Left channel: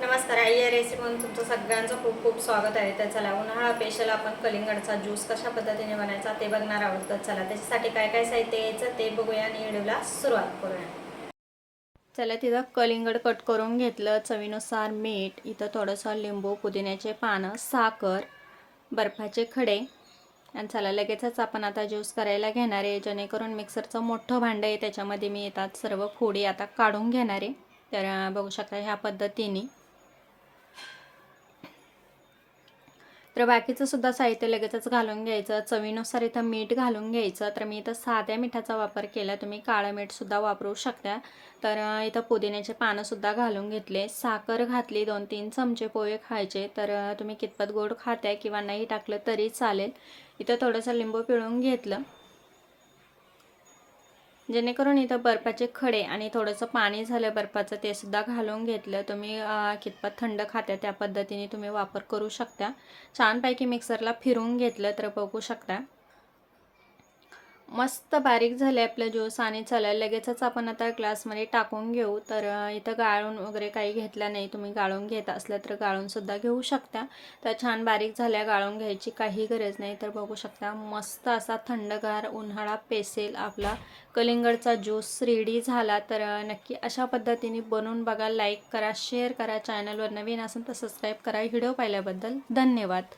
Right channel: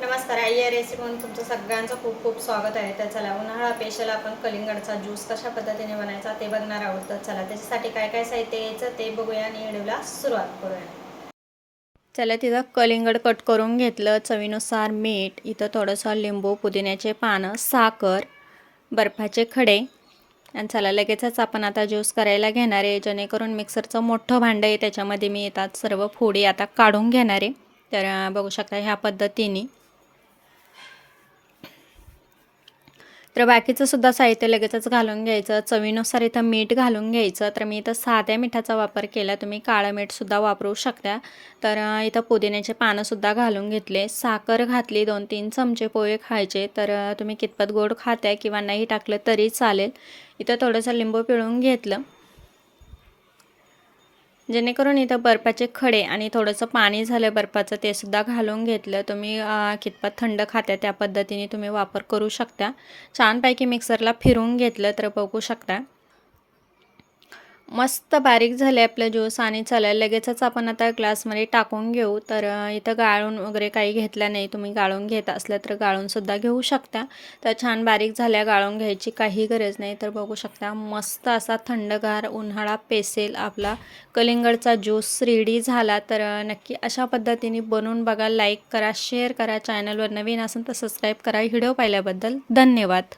नमस्कार आई या रेसिपीमध्ये तुमचं सगळ्यांचं खूप खूप स्वागत आहे. तर चला उन्हाळा पेशल आपण कलिंगडचा ज्यूस कशा पद्धतीने बनायचा ते बघणार आहोत. तर चला त्याच्यासाठी काय काय साहित्य यायचं ते बघूया आणि व्हिडिओला सुरुवात करूया. चला तिथं कलिंगड कट करून घेतलं चवीनुसार मीठ इथं थोडंसं लिंबू पुदिन्याचे पानं साखर बर्फाचे खडे. आणि चला लगेचच आपण आता ज्यूस करायला घेणार आहे जेणेकरून मिक्सरचं मोठं भांडं आहे त्याच्यामध्ये मी येतात सर्व फोडी आता काढून घेणार आहे. तर बघू शकता ह्या पद्धतीने. तर बाकीचं सुद्धा साहित्य लगेचच घालून घ्यायचं. चवीनुसार इथं मीठ घालून घ्यायचं. तर मी इथं साध्या मिठाचा वापर केला. तुम्ही काळं मीठसुद्धा वापरू शकता. तर इथं पुदिन्याचे पानंसुद्धा घालून घेतले. साखर घातली. दोन तीन चमचे पोहे खायचे. तर तुम्ही कितपत गोड खाताय किंवा नाही टाकलं तरी चालेल. इथं थोडंसं लिंबू पिळून घेतलं. जेणेकरून इथं बर्फाचे खडे आणि थोडंसं पाणी झालं बर्फाचं ते सुद्धा घालून घेतलं. तुम्ही कितपत थंड खात्या त्या पद्धतीने तुम्ही वापर करू शकता. छानपैकी मिक्सरला फिरून घेतलं तर बघू शकता. मस्त बारीक झाले आपलं ज्यूस आणि चला लगेचच आपण आता ग्लासमध्ये टाकून घेऊ. तर इथं गाळून वगैरे काही घेतलं नाही. तुम्ही गाळून घेत असल्या तर गाळूनसुद्धा घेऊ शकता. तर छान बारीक झाल्या गाळून घ्यायची काही गरज नाही. तर बघू शकता मस्त असा थंडगार उन्हाळा पेसेल आपला. कलिंगडचा ज्यूस रेडी झाला तर नक्की अशा पद्धतीने बनवून बघा. लाईक करा शेअर करा. चॅनलवर नवीन असेल तर सबस्क्राईब करा. व्हिडिओ पाहिल्याबद्दल धन्यवाद.